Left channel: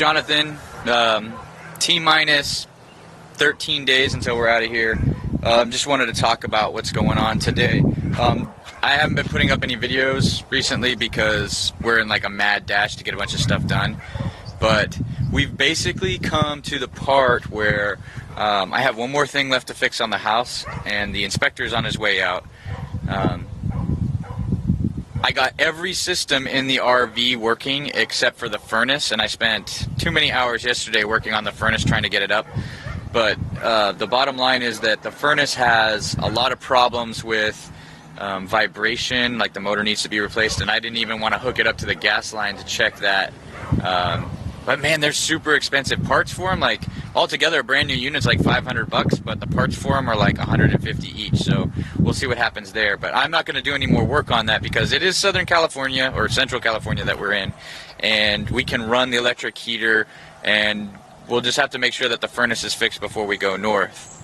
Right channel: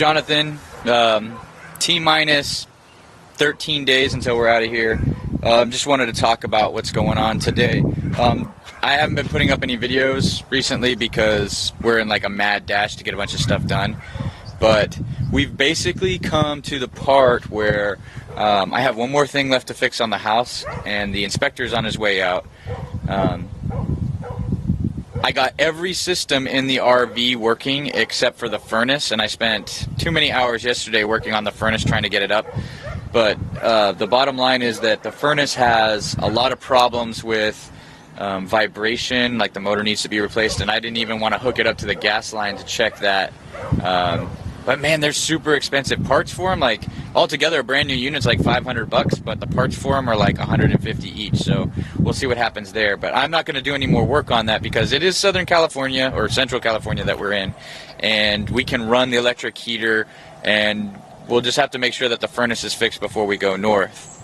Jonathan. T-minus 13 days until we're out of here. Just wanted to talk about what's going on today. I haven't been putting up any videos recently because we're in like a mad dash to get a bunch of stuff done. But we've basically come to the part where I have one more thing left to fix on the house, and the inspector's on his way out. I got every system in the RV working except for the furnace, and I spent too many hours yesterday working on the furnace trying to get it up. But the bottom line is that the furnace has a lot of problems with vibration, like the motor needs to be replaced, and I didn't even want to hook it up to the gas line to check that. But man, they're super expensive parts for them. Like altogether, a brand new unit's like $500, but the parts for them are like $150 each. So we'll see what happens there. But I'm not going to do any more work on that because it is Southern California or Central California that we're in, and we can run the electric heater, and we'll just have to make sure that the furnace is fixed before we go north.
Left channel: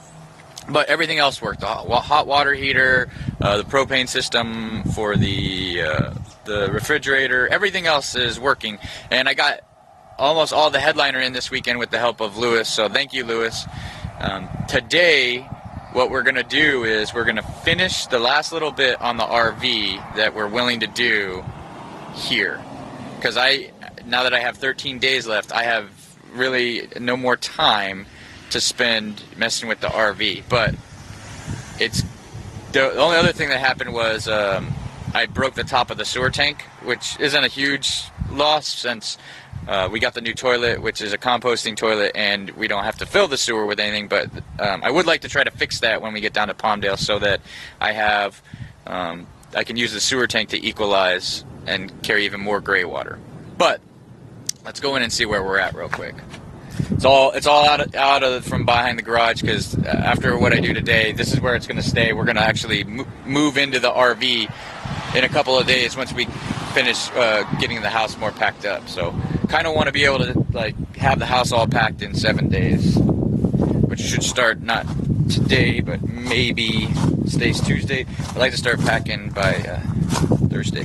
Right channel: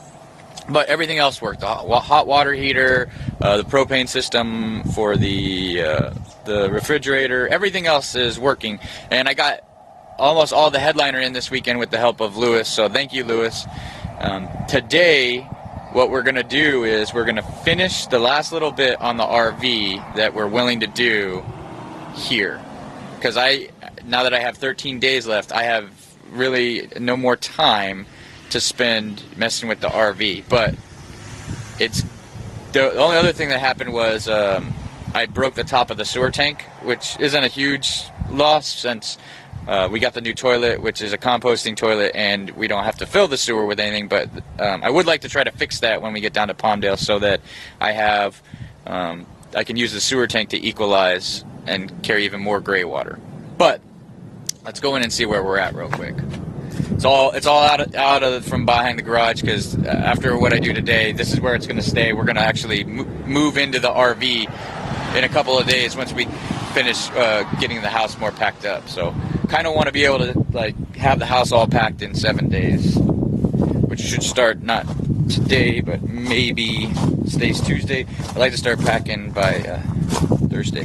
But everything else worked. The hot water heater, the propane system for the refrigerator, everything else is working. And I got almost all the headliner in this weekend with the help of Lewis, so thank you, Lewis. Today, what we're going to do is we're going to finish the last little bit on the RV that we're willing to do here. Because now that I have 13 days left, I have really no more time to spend messing with the RV. But it's the only other thing that happened was I broke the top of the sewer tank, which isn't a huge loss since we got the new toilet, which is a composting toilet, and we don't have to fill the sewer with anything. But I would like to try to fix that when we get down to Palmdale, so that I can use the sewer tank to equalize and carry even more gray water. But let's go in and see where we're at real quick. It's all out of from behind the garage, because after what I do today, this is where it's going to stay. We're going to actually move into the RV in a couple of days once we finish getting the house more packed up. So kind of want to be able to like have the house all packed in 7 days, which should start not today, but maybe today's Tuesday. I'd like to start packing by Thursday.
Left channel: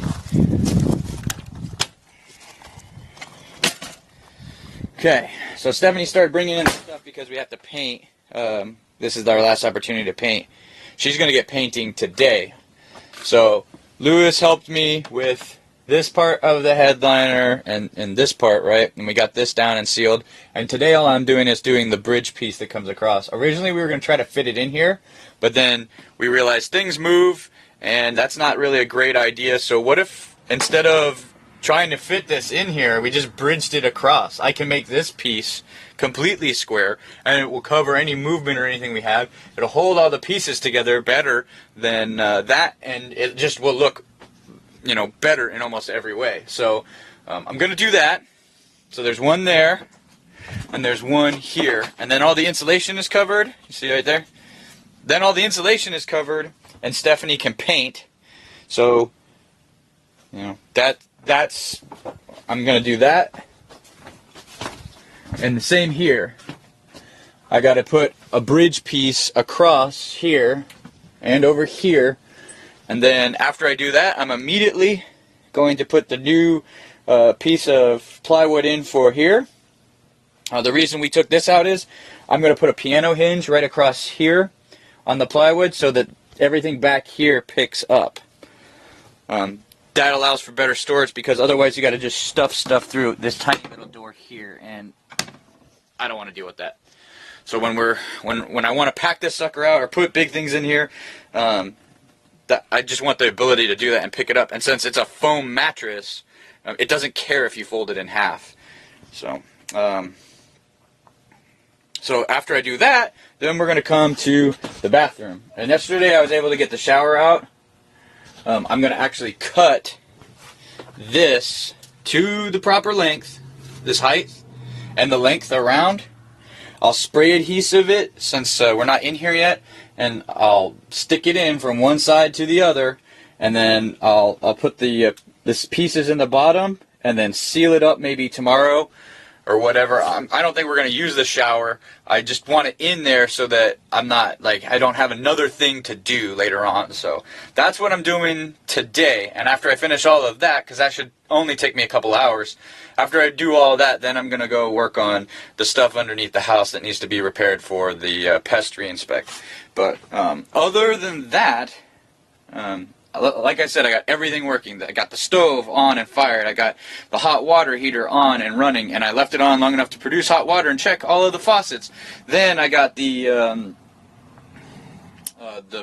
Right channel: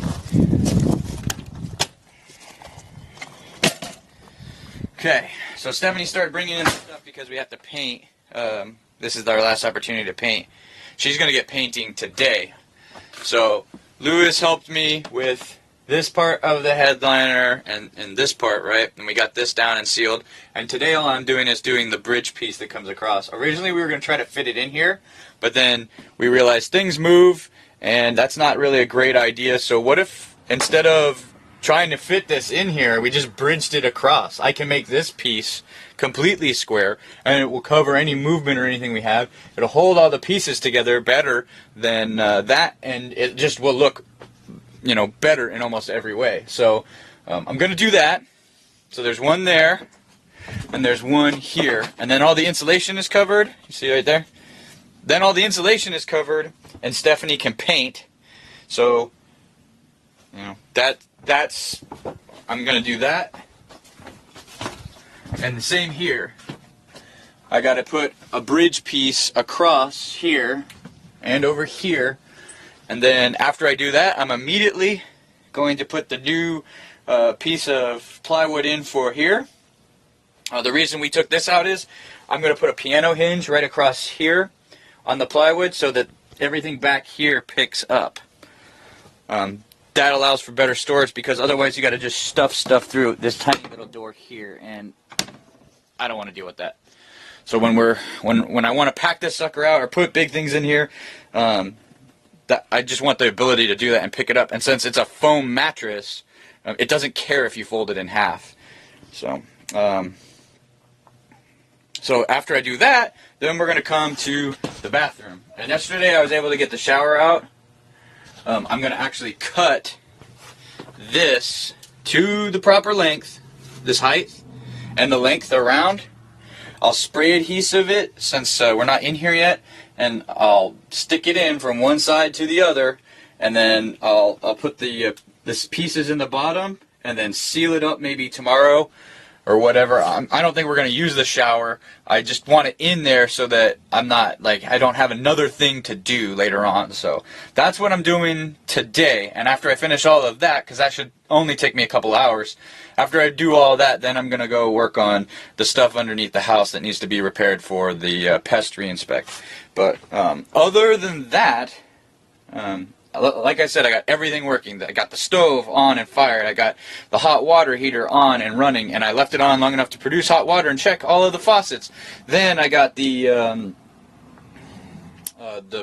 Okay, so Stephanie started bringing in stuff because we have to paint. This is our last opportunity to paint. She's going to get painting today. So Lewis helped me with this part of the headliner and this part, right? And we got this down and sealed. And today all I'm doing is doing the bridge piece that comes across. Originally we were going to try to fit it in here, but then we realized things move, and that's not really a great idea. So what if instead of trying to fit this in here, we just bridged it across? I can make this piece completely square, and it will cover any movement or anything we have. It'll hold all the pieces together better than that, and it just will look, better in almost every way. So I'm going to do that. So there's one there, and there's one here, and then all the insulation is covered. You see right there? Then all the insulation is covered, and Stephanie can paint. So, that's, I'm going to do that. And the same here. I got to put a bridge piece across here and over here. And then after I do that, I'm immediately going to put the new piece of plywood in for here. The reason we took this out is I'm going to put a piano hinge right across here on the plywood so that everything back here picks up. That allows for better storage, because otherwise you got to just stuff stuff through this tiny little door here, and I don't want to deal with that. So when I want to pack this sucker out or put big things in here, that I just want the ability to do that and pick it up. And since it's a foam mattress, it doesn't care if you fold it in half. So after I do that, then we're going to come to the bathroom. And yesterday I was able to get the shower out. I'm going to actually cut this to the proper length, this height, and the length around. I'll spray adhesive it since we're not in here yet, and I'll stick it in from one side to the other, and then I'll put the pieces in the bottom, and then seal it up maybe tomorrow or whatever. I don't think we're going to use the shower. I just want it in there so that I'm not, like, I don't have another thing to do later on. So that's what I'm doing today. And after I finish all of that, because that should only take me a couple hours, after I do all that, then I'm going to go work on the stuff underneath the house that needs to be repaired for the pest re-inspect. But other than that, like I said, I got everything working. I got the stove on and fired. I got the hot water heater on and running, and I left it on long enough to produce hot water and check all of the faucets. Then I got the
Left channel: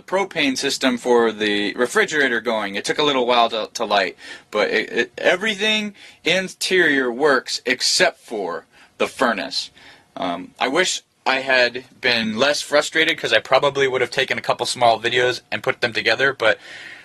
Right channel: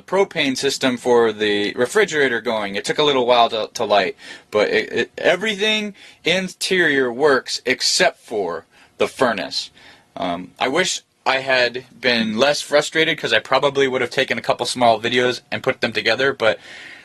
propane system for the refrigerator going. It took a little while to light, but everything interior works except for the furnace. I wish I had been less frustrated, because I probably would have taken a couple small videos and put them together, but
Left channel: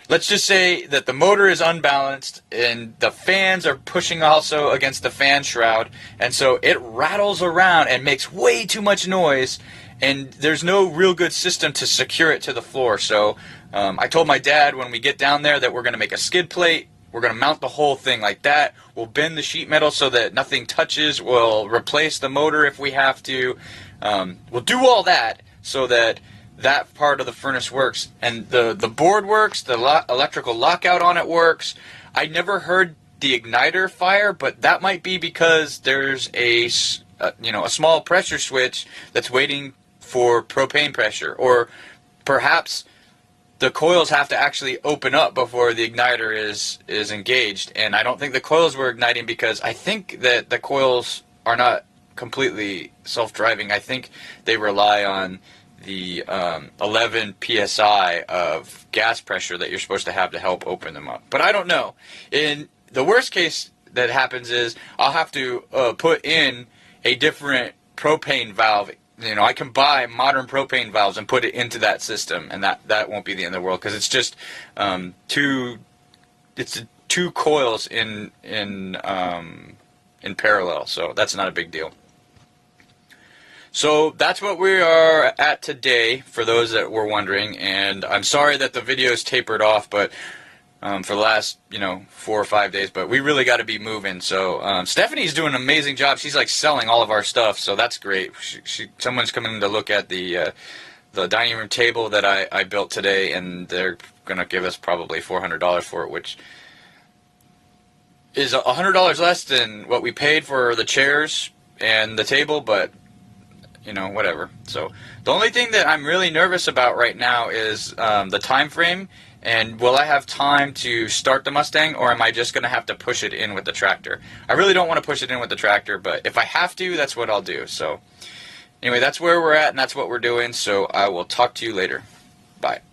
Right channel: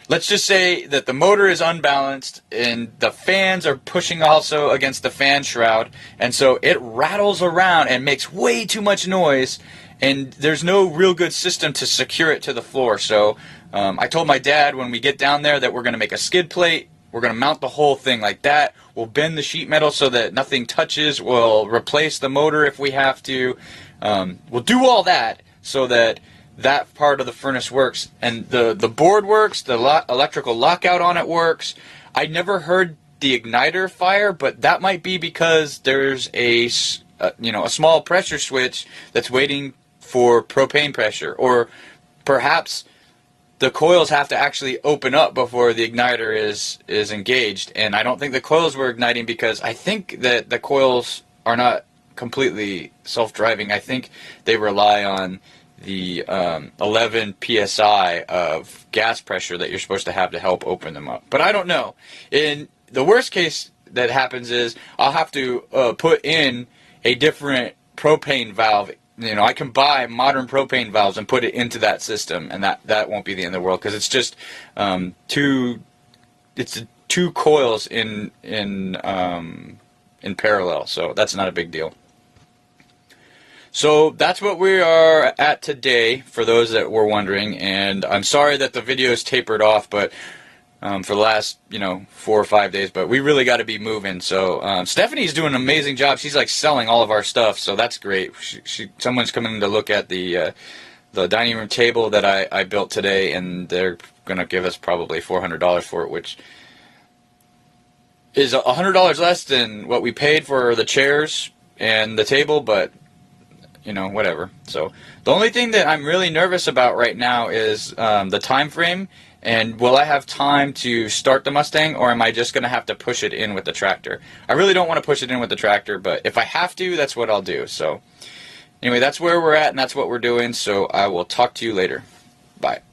let's just say that the motor is unbalanced and the fans are pushing also against the fan shroud, and so it rattles around and makes way too much noise, and there's no real good system to secure it to the floor. So I told my dad when we get down there that we're going to make a skid plate. We're going to mount the whole thing like that. We'll bend the sheet metal so that nothing touches. We'll replace the motor if we have to. We'll do all that so that that part of the furnace works, and the board works, the electrical lockout on it works. I never heard the igniter fire, but that might be because there's a small pressure switch that's waiting for propane pressure, or perhaps the coils have to actually open up before the igniter is engaged, and I don't think the coils were igniting, because I think that the coils are not completely self-driving. I think they rely on the 11 psi of gas pressure that you're supposed to help open them up. But I don't know. In the worst case that happens is I'll have to put in a different propane valve. I can buy modern propane valves and put it into that system, and that won't be the end of the world, because it's just two coils in parallel, so that's not a big deal. So that's what we are at today, for those that were wondering, and I'm sorry that the videos tapered off, but for the last 4 or 5 days, but we really got to be moving. So Stephanie's doing an amazing job. She's like selling all of our stuff, so that's great. Someone's coming to look at the dining room table that I built today, and they're going to give us probably $400 for it, which is $100 less than what we paid for the chairs and the table, but whatever. So the only thing that I'm really nervous about right now is the time frame, and will I have time to start the Mustang, or am I just going to have to push it in with the tractor? I really don't want to push it in with the tractor, but if I have to, that's what I'll do. So anyway, that's where we're at, and that's what we're doing, so I will talk to you later. Bye.